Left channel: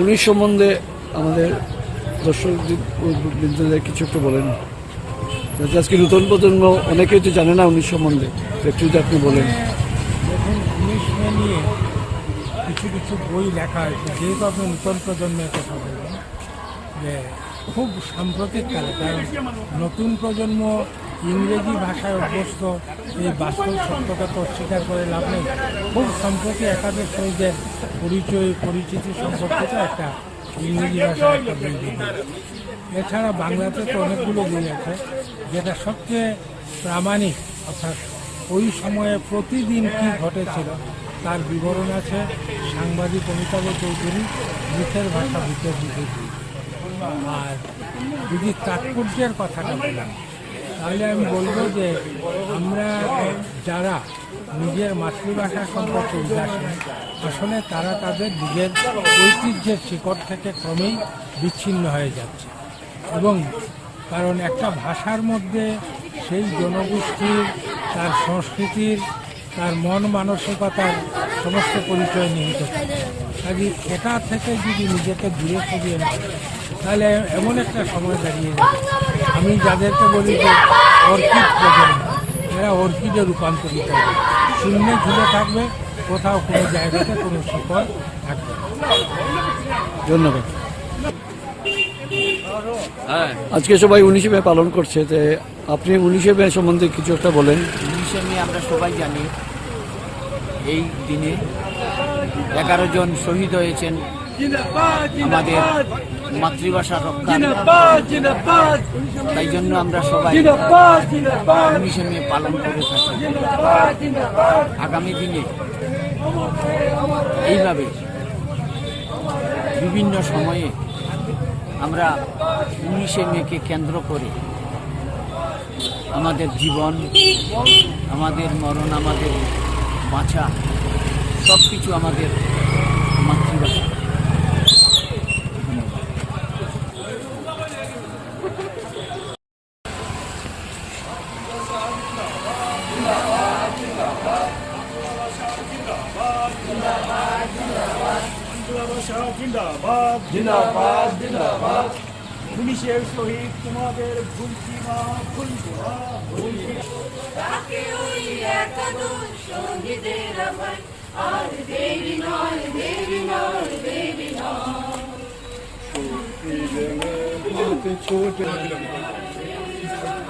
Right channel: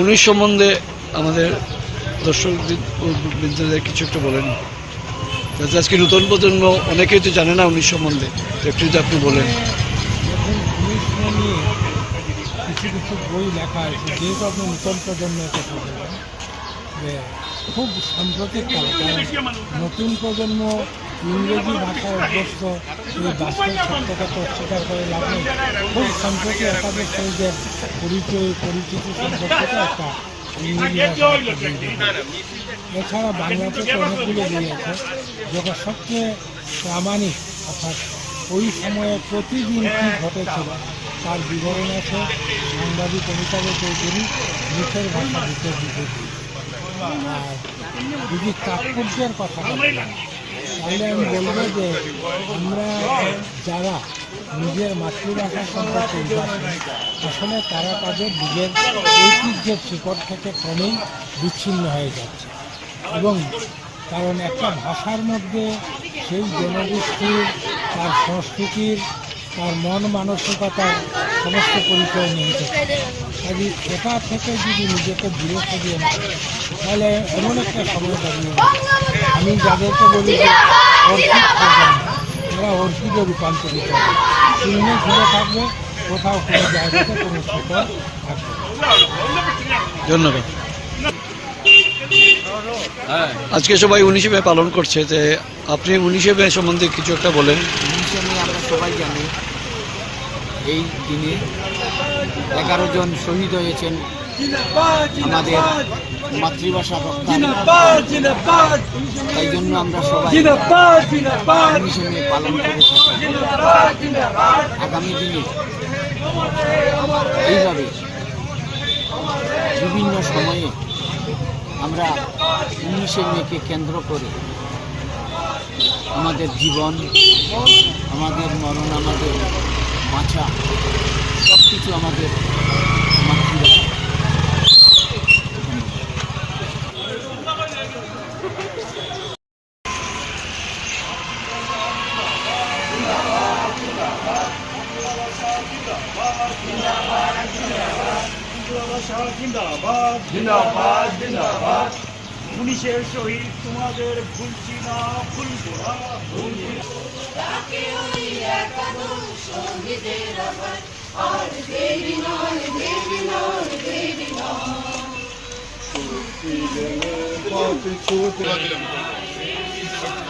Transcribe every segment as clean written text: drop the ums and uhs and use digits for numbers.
উনিশ সম্বন্ধে আমাদের দর্শক বিন্দুদের কিছু একটু বলেন, যাতে আজকে নতুন প্রজন্ম অনেকেই তো জানে না উনিশ সম্বন্ধে, একটু যদি আপনি বলেন। দেখুন, উনিশ নিয়ে কিছু কিছু বই লেখা হয়েছে, যেহেতু আপনি নতুন প্রজন্মের কথা বলবেন, যে খুব সাম্প্রতিককালে, কারণ নতুন প্রজন্ম ইংরেজি ভাষায় অভ্যস্ত, এই বাস্তব সত্যতা তো অস্বীকার করে লাভ নেই। খুব সম্প্রতি একাধিক শহীদের পরিচিতি সম্পর্কিত একটা ইংরেজি ভাষায় একটা বই বেরিয়েছে। এছাড়া বাংলাতে তো অনেকগুলো বই আছে, যেটা সবচেয়ে প্রামাণিক, অর্থাৎ ওই সময়ে প্রতিদিন কী ঘটেছিল তার বিবরণ আছে সাংবাদিক অমিতাভ চৌধুরী, মুখের ভাষা বুকের বিভূতি। আর যদি তাৎপর্যের কথাটা বলেন, তাহলে আমি বলবো যে আমরা যারা নিজের মাতৃভাষা সম্পর্কে উদাসীন, আসলে তারা তাদের নিজের ঐতিহ্যের শিকড় থেকে ক্রমেই বিচ্ছিন্ন হয়ে যাচ্ছে। এবং কারণ একটা ভাষার মধ্যে সেই জনগোষ্ঠীর, তার সংস্কৃতির, তার মন মানসিকতার সমস্ত পরিচয় নিহিত থাকে। কাজে এটা থেকে যদি নিজেকে দূরে সরিয়ে নেয়, তাহলে এমন একটা সময় দাঁড়িয়ে যাবে, আমি যাদেরকে বলি যে অর্কিড প্রজন্ম, এরা অর্কিডে রূপান্তরিত হবে, শূন্যে ঘিরে থাকবে, কোথাও কোনো জায়গাতে কোনো শিকড় থাকবে। ধন্যবাদ। আজকে সবাই 19শে মে পালন করছে, যে আপনি 19শে মে সম্বন্ধে কিছু একটা বলেন। 19শে মে আমরা সবাই জানি, এই দিনে 11 জন শহীদ হয়েছেন আমাদের মাতৃভাষা রক্ষা। তাই জন্য আমরা সবাই 19শে মে পালন করে থাকি। আগামী দিনে এইভাবে বিভিন্ন সময়ে আমরা 19শে মেকে কেন্দ্র করে আমাদের জীবন, আমাদের মরণ, আমাদের বাঁচা, সব কিছু আমাদের মাতৃভাষা। জিন্দাবাদ জিন্দাবাদ জিন্দাবাদ। 19শে শহীদ তোমাদের ভুলছি না, ভুলবো না, ভুলবো না।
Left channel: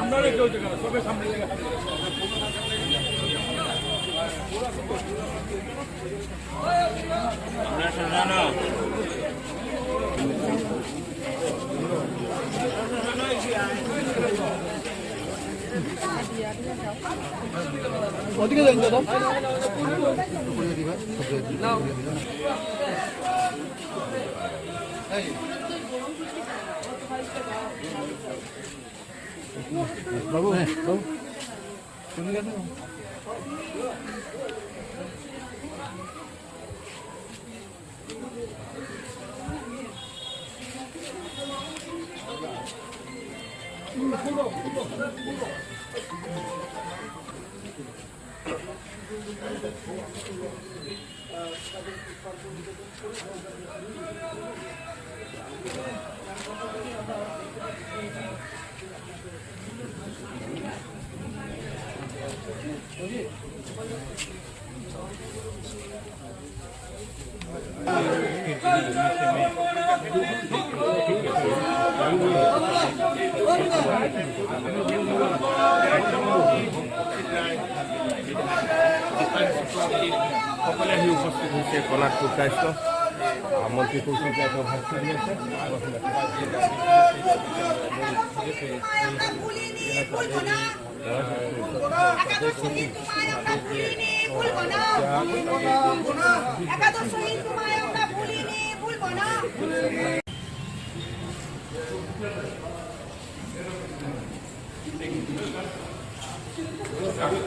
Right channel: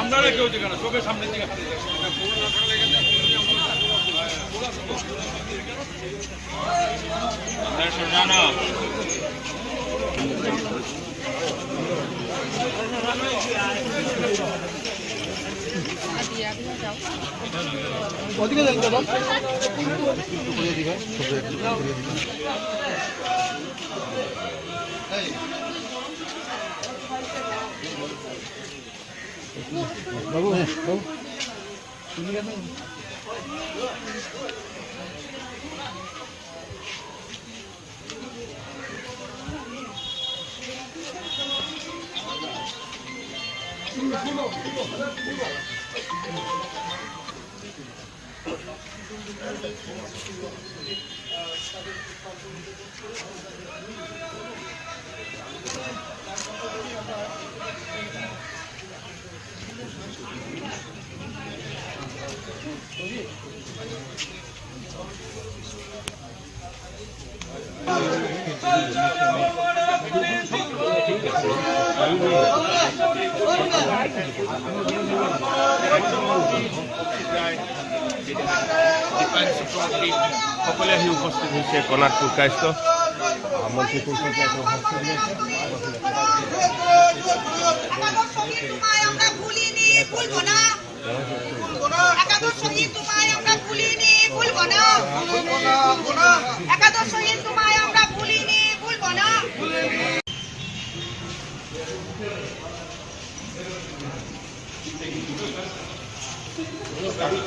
আমরা কেউ দেখে না, চোখের সামনে থেকে না না ওদিকে যাই দাদা। বাবু, হ্যাঁ বাবু, শুনি কেন? সকলে আহি উপস্থিত হৈছে কণাত স্বাস্থ্য মন্ত্ৰী পৰিষদে এটা ভাষণ দিয়েছে।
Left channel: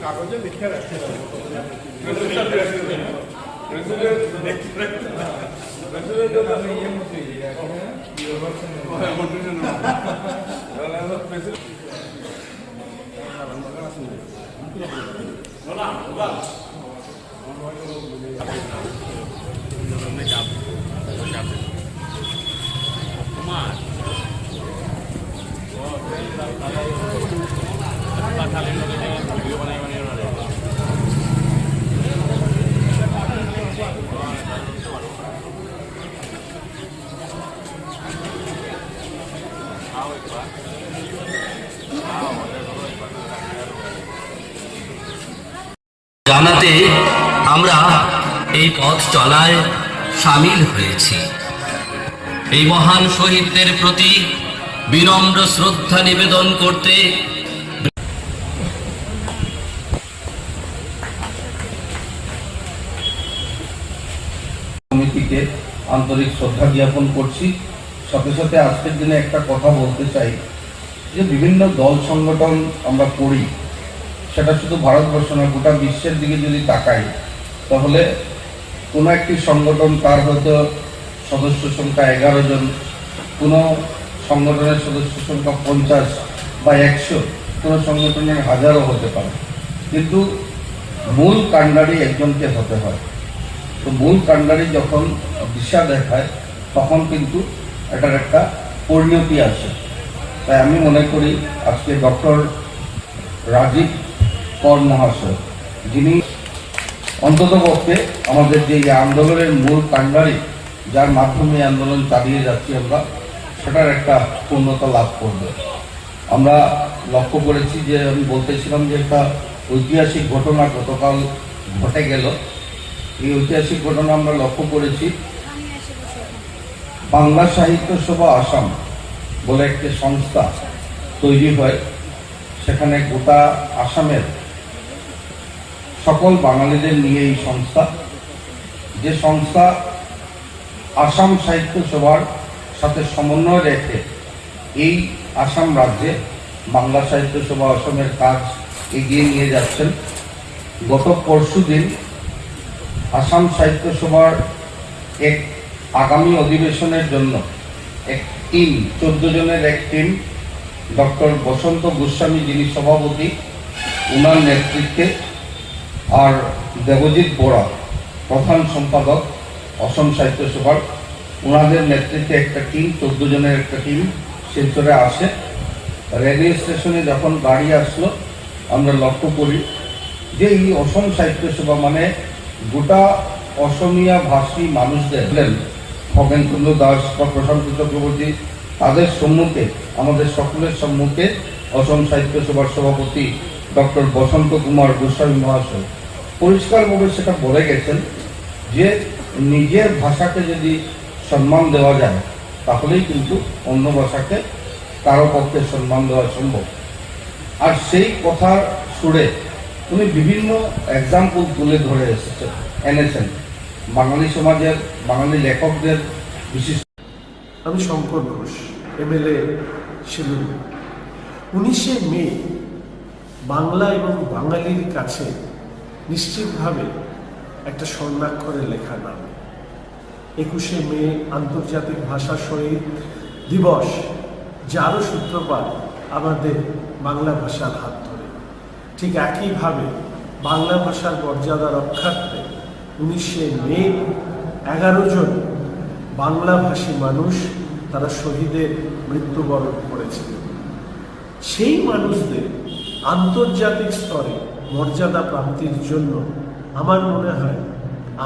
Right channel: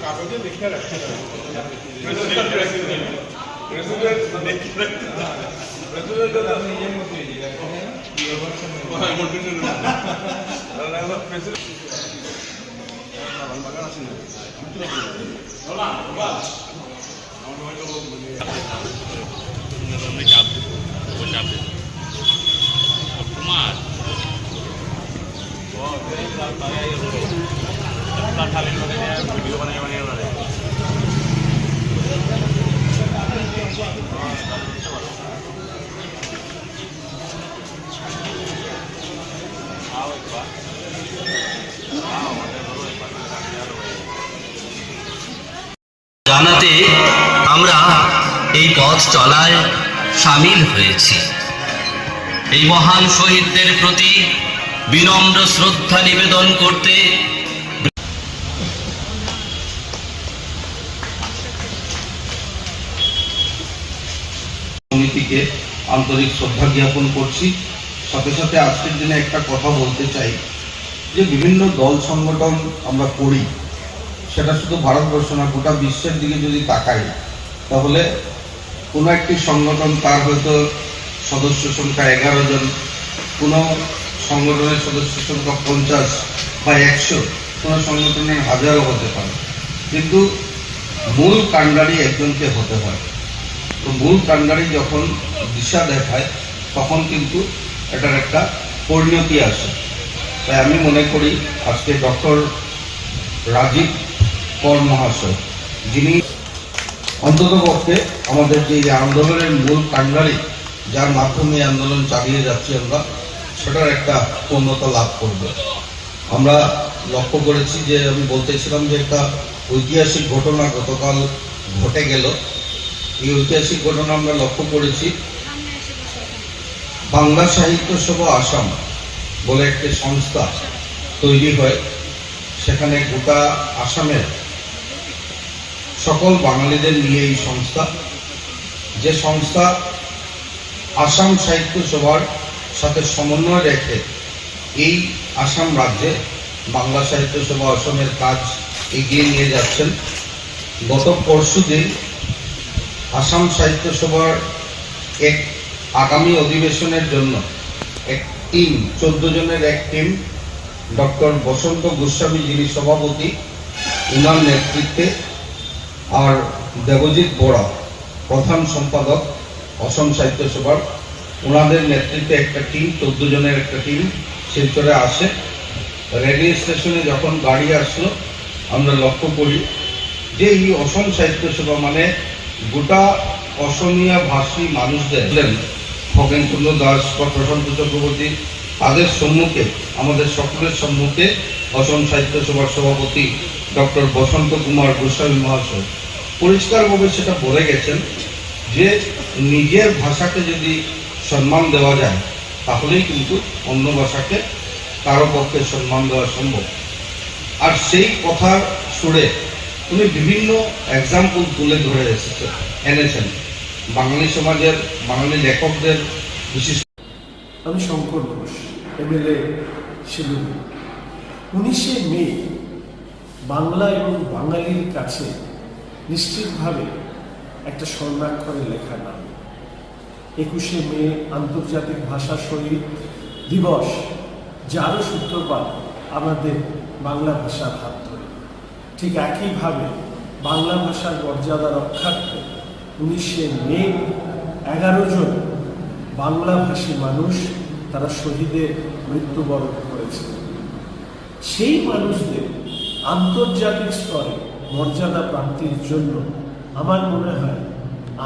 কাগজে লিখে রাখতে এই পথ চলায় সামিল হয়েছি। এই মহান শহীদদের প্রতি বিনম্র শ্রদ্ধা নিবেদন করতে সমিতিকে আন্তরিক শ্রদ্ধা জ্ঞাপন করছি। সাথে সাথে আজকের দিনে একটা কথা বলতে চাই যে বিভিন্ন দল সংগঠন আমরা করি, সেটা শুধু ভারতবর্ষ না, গোটা বিশ্বের দিকে যদি তাকাই তাহলে কোনো একটি সংগঠন তার হয়তো সদস্য সংখ্যা 11 জন, কোনো সংগঠনের সদস্য সংখ্যা 50 বা 100, কোনো সংগঠনের 1000ও হতে পারে, কিন্তু মূল কাণ্ডারি একজনকে হতে হয়। তো মূল কাণ্ডারি যখন দিশা দেখায় তখন কিন্তু এটার একটা পরিণতি আসে। তাই আমি মনে করি আজকে ডক্টর রাজীব কর মহাশয়, যিনি অন্ততপক্ষে আমাদের যে আন্দোলনের মূল কাণ্ডারি, যার মাধ্যমে আন্দোলন চালিয়ে যাচ্ছি আমরা, সেটার একটা পূর্ণতা লাভ করবে। আমরা লক্ষ্য করেছি যে আমি বলতেছিলাম যে একটা ঐতিহাসিক ঘটনা গতকাল ঘটে গেল। এই ঐতিহাসিক ঘটনা আমরা লক্ষ্য করেছি, বাংলা সাহিত্য সভা আসাম বলে একটি সংস্থা তৈরি হয়। সেখানে গোটা আসামের সকল বাঙালিদের নিয়ে এই সংস্থা, যে সংস্থা আসাম সাহিত্য সভার সাথে সমন্বয় রেখে এই আসাম রাজ্যে বাংলা সাহিত্য সভা আসামের কাজ এগিয়ে নিয়ে যাচ্ছেন। গত পরশুদিন আসাম সাহিত্য সভার এক আগামী অধিবেশনের জন্য এক টিম, 14 জনের এক টিম, ডক্টর বসন্ত গোস্বামী যিনি সভাপতি, উনার নেতৃত্বে, আর দেবজিৎ বরা প্রধান সম্পাদক অসম সাহিত্য সভার, ওনাদের নেতৃত্বে একটা টিম, 14 জনের একটা টিম শিলচরে আসে। রেলওয়ে স্টেশনে যখন গাড়ি আসলো আমরা লক্ষ্য করি যে এই অসম সাহিত্য সভা মানে গোটা অসমীয়া ভাষী মানুষদের, খগেনচন্দ্র দাস বা প্রশান্ত চক্রবর্তী, তাদের সম্মুখে, আমাদের সকলের সম্মুখে অসম সাহিত্য সভার সভাপতি ডক্টর বসন্ত কুমার গোস্বামী মহাশয় পরিষ্কারভাবে সেটা বলে গেছেন যে নিজের ভাষাকে যদি সম্মান দেওয়া যায় তাহলেই কিন্তু অন্য ভাষাকে কারো পক্ষে সম্মান দেওয়া সম্ভব। আর সেই কথা সুরে উনি বিভিন্ন এক্সাম্পল তুলে ধরে এনেছেন বাঙালি সমাজের, বাঙালি লেখকদের বিশিষ্ট। আমি শঙ্কর ঘোষ, MLA শিলিগুড়ি। 19শে মে বাংলা এবং বাঙালির কাছে নিশ্চিতভাবে একটা স্বর্ণাক্ষরে লেখা নাম। 21শে মে আন্তর্জাতিক ভাষা শহীদ দিবস, যারও সূত্রপাত আমাদের বাংলা ভাষার হাত ধরে। ঠিক একইভাবে বাংলা ভাষার মর্যাদা রক্ষার্থে 19শে মে 11 জন বাংলাভাষী মানুষ তারা শহীদের মৃত্যুবরণ করেছে। সেই মানুষদের আন্তর্জাতিক স্তরে মর্যাদা প্রাপ্তির জন্য আমার মনে হয়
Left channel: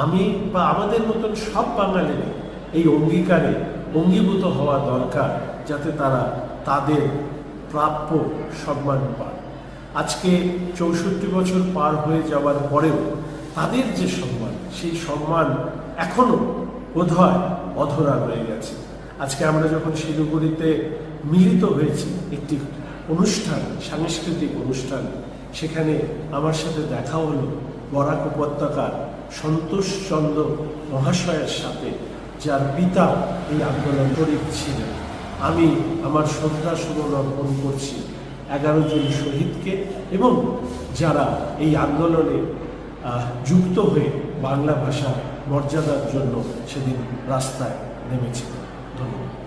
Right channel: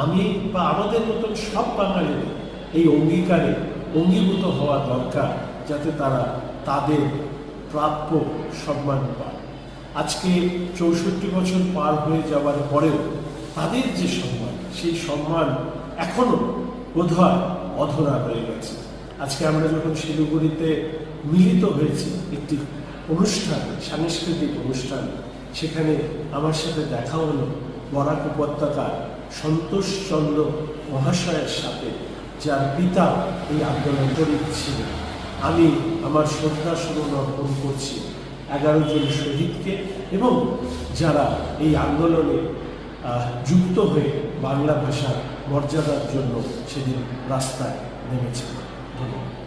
আমি বা আমাদের মতন সব বাঙালিরা এই অঙ্গীকারে অঙ্গীভূত হওয়া দরকার, যাতে তারা তাদের প্রাপ্য সম্মান পান। আজকে 64 বছর পার হয়ে যাওয়ার পরেও তাদের যে সম্মান, সেই সম্মান এখনো বোধহয় অধরা হয়ে গেছে। আজকে আমরা যখন শিলিগুড়িতে মিলিত হয়েছি একটি অনুষ্ঠান, সাংস্কৃতিক অনুষ্ঠান, সেখানে আমার সাথে দেখা হলো বরাক উপত্যকার সন্তোষ চন্দ্র মহাশয়ের সাথে, যার পিতা এই আন্দোলন শরীর ছিলেন। আমি আমার শ্রদ্ধা সুমন অর্পণ করছি 11 জন শহীদকে এবং যারা এই আন্দোলনে যুক্ত হয়ে বাংলা ভাষার মর্যাদার জন্য সেদিন রাস্তায় নেমেছিলেন। ধন্যবাদ।